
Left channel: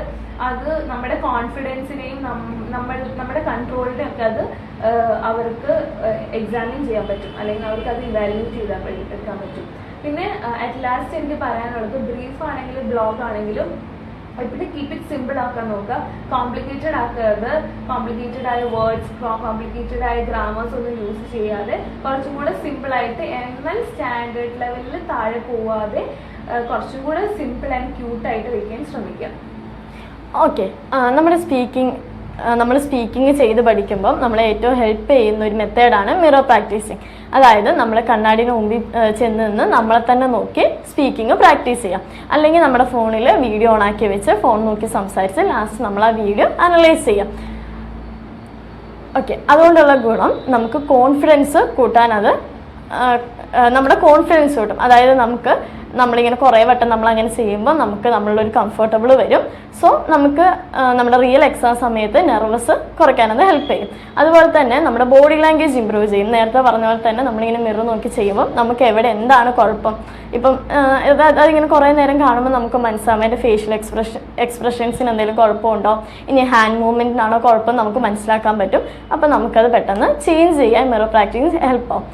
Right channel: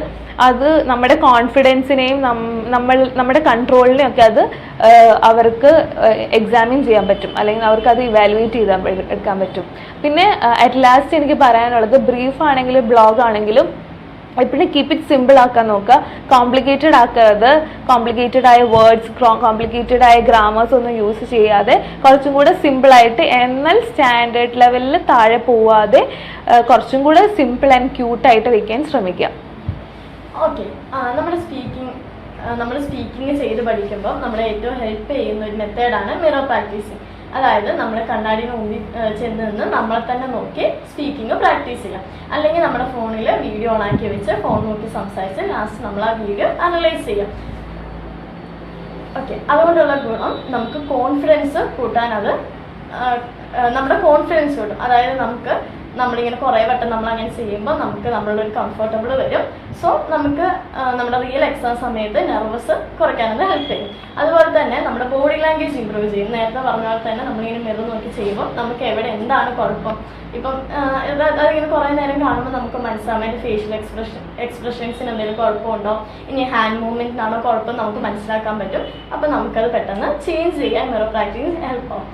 അത് നമ്മുടെ കോൺഫിഡൻസിനെയും നമ്മുടെ കൺട്രോളിനെയും ഒക്കെ അത് അവർക്ക് എക്സാമിൻ ചെയ്യാൻ പറ്റും, അല്ലെങ്കിൽ അവർക്ക് അത് ഇവാലുവേറ്റ് എടുക്കാൻ പറ്റും. പിന്നെ അറ്റ് ലാസ്റ്റ് എനിക്ക് പറയാനുള്ളത്, ബ്രീഫ് ആണെങ്കിലും ബ്ലോഗ് ആണെങ്കിലും എപ്പോഴും കീപ്പ് ഇറ്റ് സിമ്പിൾ ആക്കാൻ നോക്കുക. കോംപ്ലിക്കേറ്റഡ് ആക്കരുത്. കോംപ്ലിക്കേറ്റഡ് ആയ വേർഡ്സ്, കോംപ്ലിക്കേറ്റഡ് ആയ ഗ്രാമേഴ്സ് ഒന്നും യൂസ് ചെയ്യാതെ കുറച്ചും കൂടെ സിമ്പിളായിട്ട്, എന്നാൽ സ്റ്റാൻഡേർഡ് ലെവലിൽ താഴെ പോവാതെ കുറച്ചും കൂടെ സിമ്പിൾ ആൻഡ് ക്യൂട്ടായിട്ട് വയ്ക്കാൻ ശ്രമിക്കുക. ഓക്കെ, നമ്മൾ സ്പീക്കിംഗ് ചെയ്ത് പഠിക്കുമ്പോൾ നമ്മളെ ഏറ്റവും ഹെൽപ്പ് ചെയ്യുന്ന ഒരു മെത്തേഡാണ് മിറർ പ്രാക്ടീസിങ്. അതായത് നമ്മൾ കണ്ണാടിന് മുമ്പിൽ ചെന്ന് നിന്ന് നമ്മളെ തന്നെ നോക്കി സ്പീക്കിംഗ് പ്രാക്ടീസ് ചെയ്യാം. അല്ലെങ്കിൽ നമ്മുടെ ഫോണിൽ വീഡിയോ ഓണാക്കി വെച്ച് ഫോൺ നോക്കി സംസാരിച്ച് ലാസ്റ്റ് നമ്മൾ ആ വീഡിയോ അനലൈസ് ചെയ്യാം. ഓക്കെ, അതുകൊണ്ടുള്ള ഗുണം നമുക്ക് കോൺഫിഡൻസ് കൂട്ടാൻ, അത് നമ്മുടെ കോൺഫിഡൻസ് കൂട്ടും. അതായത് നമ്മളിങ്ങനെ കുറേ വട്ടം നമ്മളങ്ങനെ ചെയ്യുമ്പോൾ നമുക്ക് നമ്മളൊരു കംഫർട്ടബിൾ വരും. സോ നമുക്ക് നമ്മുടെ റിയൽ എക്സാം സമയത്ത് നെർവസ് കുറയ്ക്കാനത് ഹെൽപ്പ് ചെയ്യും. അതുപോലെ തന്നെ നമ്മുടെ ബോഡി ലാംഗ്വേജ് ഇമ്പ്രൂവ് ചെയ്യും. നേരത്തെ പറഞ്ഞ പോലെ തന്നെ നമ്മളിങ്ങനെ മിറർ നോക്കി ചെയ്യുമ്പോൾ നമുക്ക് എവിടെ എന്താണ് കുഴപ്പം, ഇപ്പം അതിങ്ങനെ കുറേ നേരം കാണുമ്പോൾ നമുക്ക് മനസ്സിലാവും അതിൻ്റെ ഫേഷ്യൽ എക്സ്പ്രഷൻസിന് എന്തെങ്കിലും കുഴപ്പമുണ്ടോ, ഇനി ഹാൻഡ് മൂവ്മെൻറ്റിനാണോ കുഴപ്പം നമുക്ക് മനസ്സിലാക്കാൻ പറ്റും. അപ്പം നമുക്കത് പെട്ടെന്ന് ചേഞ്ച് ചെയ്യാൻ മിറർ പ്രാക്ടീസ് ഹെൽപ്പ് ആവും.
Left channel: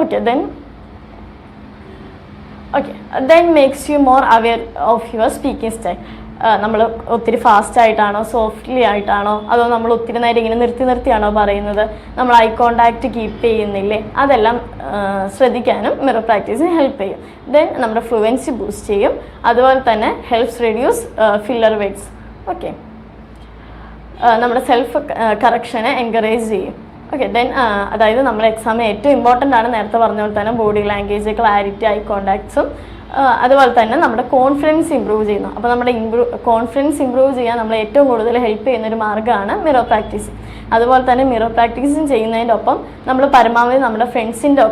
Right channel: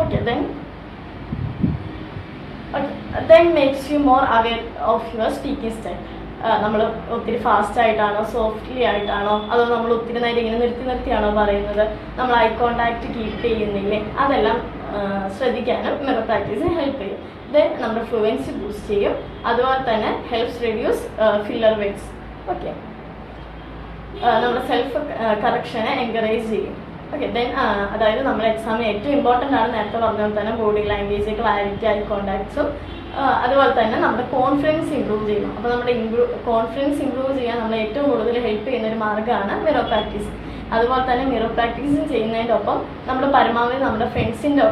Okay, then makes you more aware of your speaking style. നമ്മൾ ഒത്തിരി ഫാസ്റ്റ് ആയിട്ടാണോ സോഫ്റ്റ്ലി ആയിട്ടാണോ അതോ നമ്മൾ ഒത്തിരി നേരം ഇങ്ങനെ നിർത്തിയാണോ പറയുന്നത്, നമ്മൾ ഐ കോണ്ടാക്ട് കീപ്പ് ചെയ്യുന്നില്ലേ, അതെല്ലാം ശ്രദ്ധിക്കാനും മിറർ പ്രാക്ടീസ് ഹെൽപ്പ് ചെയ്യും. ദെൻ നമ്മുടെ ഫ്ലുവൻസി ബൂസ്റ്റ് ചെയ്യും. അതുപോലെ തന്നെ helps reduce filler words. Okay, നമ്മുടെ സെൽഫ് കറക്ഷനെ എൻകറേജ് ചെയ്യും. ഓക്കെ, ദെൻ അതായത് നമ്മുടെ എക്സാമിന് ഏറ്റവും ഇമ്പോർട്ടൻ്റ് ആണ് നേരത്തെ പറഞ്ഞ പോലെ തന്നെ ബോഡി ലാംഗ്വേജ്, ക്ലാരിറ്റി, ഐ കോണ്ടാക്ട്സും അതുപോലെ തന്നെ നമ്മുടെ കോൺഫിഡൻസ് ഇമ്പ്രൂവ് ചെയ്യുന്നു. അപ്പോൾ നമ്മുടെ കോൺഫിഡൻസ് ഇമ്പ്രൂവ് ചെയ്യാൻ നമ്മൾ ഏറ്റവും കൂടുതൽ ഹെൽപ്പ് ചെയ്യുന്ന ഒരു മാർഗ്ഗമാണ് മിറർ പ്രാക്ടീസ്. അതുപോലെ തന്നെ മിറർ പ്രാക്ടീസും ചെയ്യുന്നതിൻ്റെ ഒപ്പം നമ്മൾ പരമാവധി നമ്മുടെ ഫ്രണ്ട്സിൻ്റെ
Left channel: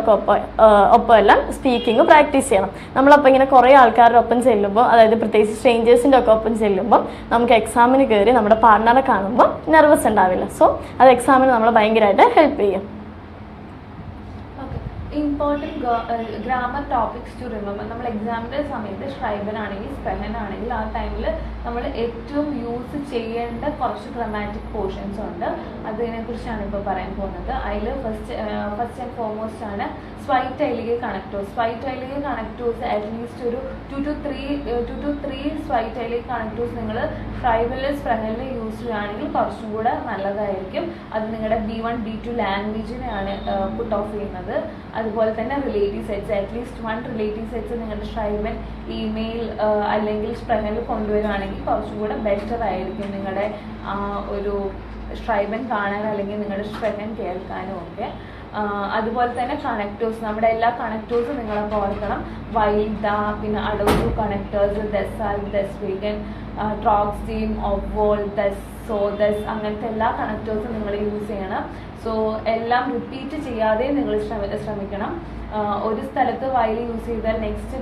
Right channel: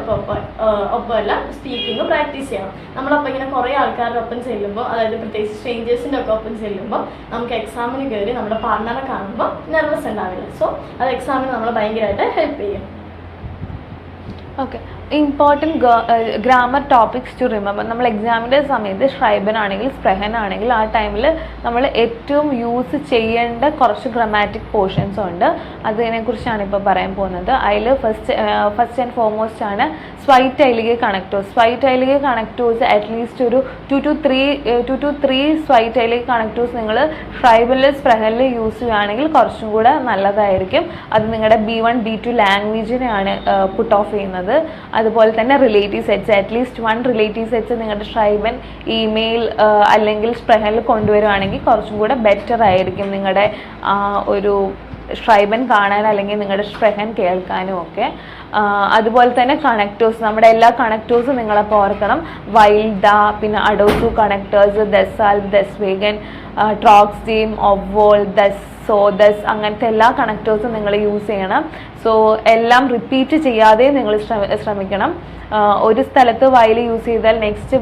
ഒപ്പം എല്ലാം സ്പീക്കിംഗ് പ്രാക്ടീസ് ചെയ്യണം. നമ്മളപ്പോൾ ഇങ്ങനെ കുറേ ആൾക്കാരുടെ ഒപ്പം ചെല്ലുമ്പോൾ, അതായത് പ്രത്യേകിച്ച് സ്ട്രേഞ്ചേഴ്സിൻ്റെ ഒക്കെ ഒപ്പം ചെല്ലുമ്പോൾ നമുക്ക് എക്സാമിന് കയറി നമ്മുടെ പാർട്ണറെ കാണുമ്പോൾ നെർവസ് ഉണ്ടാവില്ല. സോ അത് എക്സാമിന് നമ്മൾ ഭയങ്കരമായിട്ട് ഹെൽപ്പ് ചെയ്യും. Okay, important grammar topics to remember. നമ്മൾ എക്സാമിൻ്റെ സമയത്ത് ഷ്രൈബൻ ആണെങ്കിൽ സ്പ്രെഹൻ ആണെങ്കിൽ ആ ടൈമിൽ നമ്മൾ ഏറ്റവും യൂസ് ചെയ്യേണ്ട കുറച്ച് ഗ്രാമാറ്റിക് പോർഷൻസ് ഉണ്ട്. അതിനെക്കുറിച്ചാണ് ഇപ്പോൾ പറയാൻ പോകുന്നത്. അതിൽ ഫസ്റ്റ് ആൻഡ് ഫോർമോസ്റ്റ് ആണ് സ്വൈറ്റ് ഐലിക് കണക്ടേഴ്സ്. സ്വൈറ്റ് ഐലിക് കണക്ടേഴ്സ് അറ്റ്ലീസ്റ്റ് ഒരു 2 to 3 സ്വൈറ്റ് ഐലിക് കണക്ടേഴ്സ് നിങ്ങൾ ഷ്രൈബനിൽ സ്പ്രെഹനിൽ യൂസ് ചെയ്യുകയാണെങ്കിൽ കുറച്ചും കൂടെ നല്ലതായിരിക്കും. അത് നിങ്ങളുടെ B1 B2 ലാംഗ്വേജിനെയാണ് പുട്ട് ഓഫ് ചെയ്യുന്നത്. അതുപോലെ തന്നെ relative sets, at least 1 relative sets നിങ്ങളുടെ ഷ്രൈബൻ, ഇമെയിൽ അല്ലെങ്കിൽ സ്പ്രെഹനിൽ കൊണ്ടുവരുവാണെങ്കിൽ കുറച്ചും കൂടെ ബെറ്റർ ആയിരിക്കും നിങ്ങളുടെ ഒരു ഷ്രൈബൻ കാണാൻ അല്ലെങ്കിൽ നിങ്ങളുടെ സ്പ്രെഹൻ കേൾക്കാനും ഒക്കെ. അതുപോലെ തന്നെ കണക്ടേഴ്സ്, നമ്മുടെ എല്ലാ കണക്ടേഴ്സും നിങ്ങളപ്പോൾ ഓർക്കണം. വൈൽഡ, പിന്നെ അഡോസു കണക്ടേഴ്സ്, ദസാൽ, ദസ്വേഗൻ, ട്രോക്സീം, ഒവോൾ, ദസ്, അങ്ങനത്തെ എല്ലാ കണക്ടേഴ്സും നിങ്ങൾ യൂസ് ചെയ്യണം. സോ എല്ലാം റിപ്പീറ്റ് ചെയ്യാതെ നിങ്ങൾ ശ്രമിക്കണം. ഒരു സ്ഥലത്ത് വയൽ യൂസ് ചെയ്താൽ നെക്സ്റ്റ്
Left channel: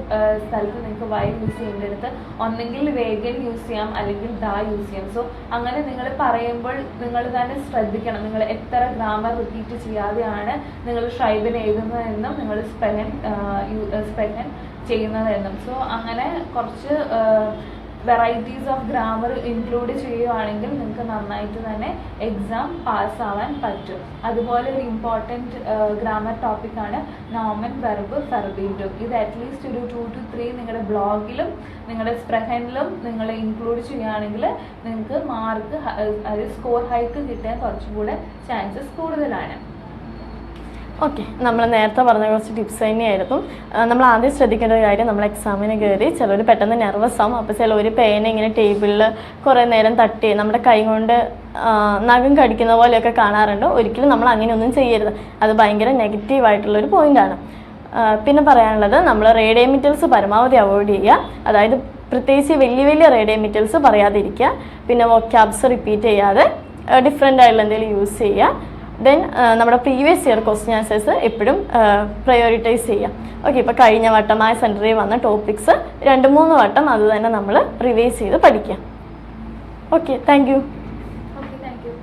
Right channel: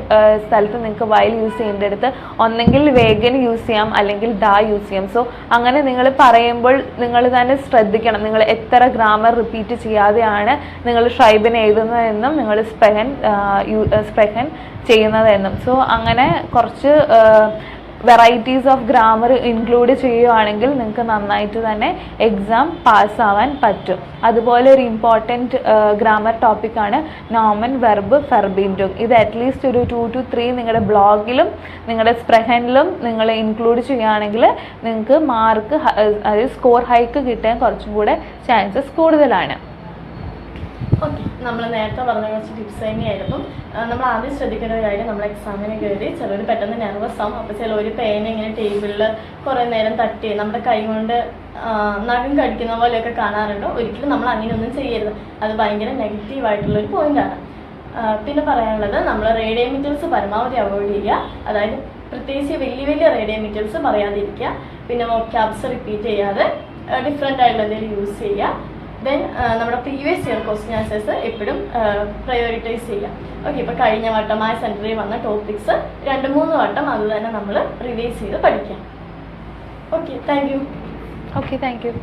സ്ഥലത്ത് നിങ്ങൾക്ക് വയൽ യൂസ് ചെയ്യേണ്ടടുത്ത് ഒന്നെങ്കിൽ വേഗൻ യൂസ് ചെയ്യാം അല്ലെങ്കിൽ ഡ യൂസ് ചെയ്യാം. സോ അങ്ങനെ നിങ്ങൾ പറയുമ്പോൾ നിങ്ങൾ തന്നെ ശ്രദ്ധിക്കണം, നിങ്ങൾ എത്ര ഗ്രാമർ റിപ്പീറ്റ് ചെയ്യാതെയാണ് നിങ്ങൾ ഷ്രൈബൻ എഴുതുന്നതെന്നും നിങ്ങൾ സ്പ്രെഹൻ ചെയ്യുന്നതെന്നും. സോ അങ്ങനെ കുറച്ച് വെറൈറ്റീസ് ഓഫ് ഗ്രാമർ ഇൻക്ലൂഡ് ചെയ്യുകയാണെങ്കിൽ നിങ്ങൾക്ക് നന്നായിട്ട് തന്നെ എക്സാം പാസ്സാവാൻ പറ്റും. അതുപോലെ ഒരു ഇമ്പോർട്ടൻറ്റ് ഗ്രാമർ ടോപ്പിക്കാണ് നോമൻ, വെർബ്, ഫെർബിൻഡും. ഇത് അറ്റ്ലീസ്റ്റ് ഒരു 2 to 3 നിങ്ങളുടെ ബ്ലോഗിലും നിങ്ങളുടെ സ്പ്രെഹനിലും നിങ്ങൾ ഇൻക്ലൂഡ് ചെയ്യുകയാണെങ്കിൽ നിങ്ങൾക്ക് മാർക്ക്, അതായത് സ്കോർ ഹൈക്ക് കിട്ടാൻ കുറച്ചും കൂടെ ചാൻസസ് കൂടുതലാണ്. ഓക്കെ, നമ്മൾ നേരത്തെ പറഞ്ഞ കുറച്ച് ടിപ്സ് തന്നെയായിരുന്നു. നമ്മൾ ആദ്യം ശ്രദ്ധിക്കേണ്ട ഒരു കാര്യം, നമ്മൾ എക്സാമിന് കയറി ചിലർ പെട്ടെന്ന് നെർവസ് ആവും. അപ്പോൾ ചിലർ പേന ഇങ്ങനെ ടേബിളിൽ കുറേ നേരം തട്ടി നമ്മുടെ കൈ കൊണ്ട് നഖം കടിക്കുന്ന പോലെയൊക്കെ കാണാറുണ്ട്. ഒരിക്കലും നമ്മൾ അങ്ങനെയൊന്നും ചെയ്യരുത്. അത് ഭയങ്കര നെഗറ്റീവായിട്ടുള്ളൊരു പോയിൻ്റാണ്. പിന്നെ പറയാനുള്ളത്, നമ്മൾ റേഡിയോമീറ്റേഴ്സ് പരമാവധി അവോയ്ഡ് ചെയ്യുക. അതായത് പ്രത്യേകിച്ച് വലിയ വലിയ റേഡിയോമീറ്റേഴ്സ് പറയാതിരിക്കുക. പിന്നെ വൊക്കാബ്സ് റിപ്പീറ്റ് ചെയ്യാതെ ഡിഫറെൻ്റ് ആയിട്ടുള്ള എന്തെങ്കിലും യൂസ് ചെയ്യുക. ദെൻ നമ്മുടെ പ്രീവിയസ് ഇയർ ക്വസ്റ്റ്യൻ ആൻസേഴ്സ് എപ്പോഴും പ്രയോറിറ്റൈസ് ചെയ്യാം. ഓക്കെ, ഇപ്പോൾ കഴിഞ്ഞ വട്ടമായ സെൻറ്ററിൽ വന്ന ടോപ്പിക്സ് 2-3 വട്ടം അത് തന്നെ നമ്മൾ റിവൈസ് ചെയ്ത് പഠിക്കാം. Okay, thank you. Okay, thank you.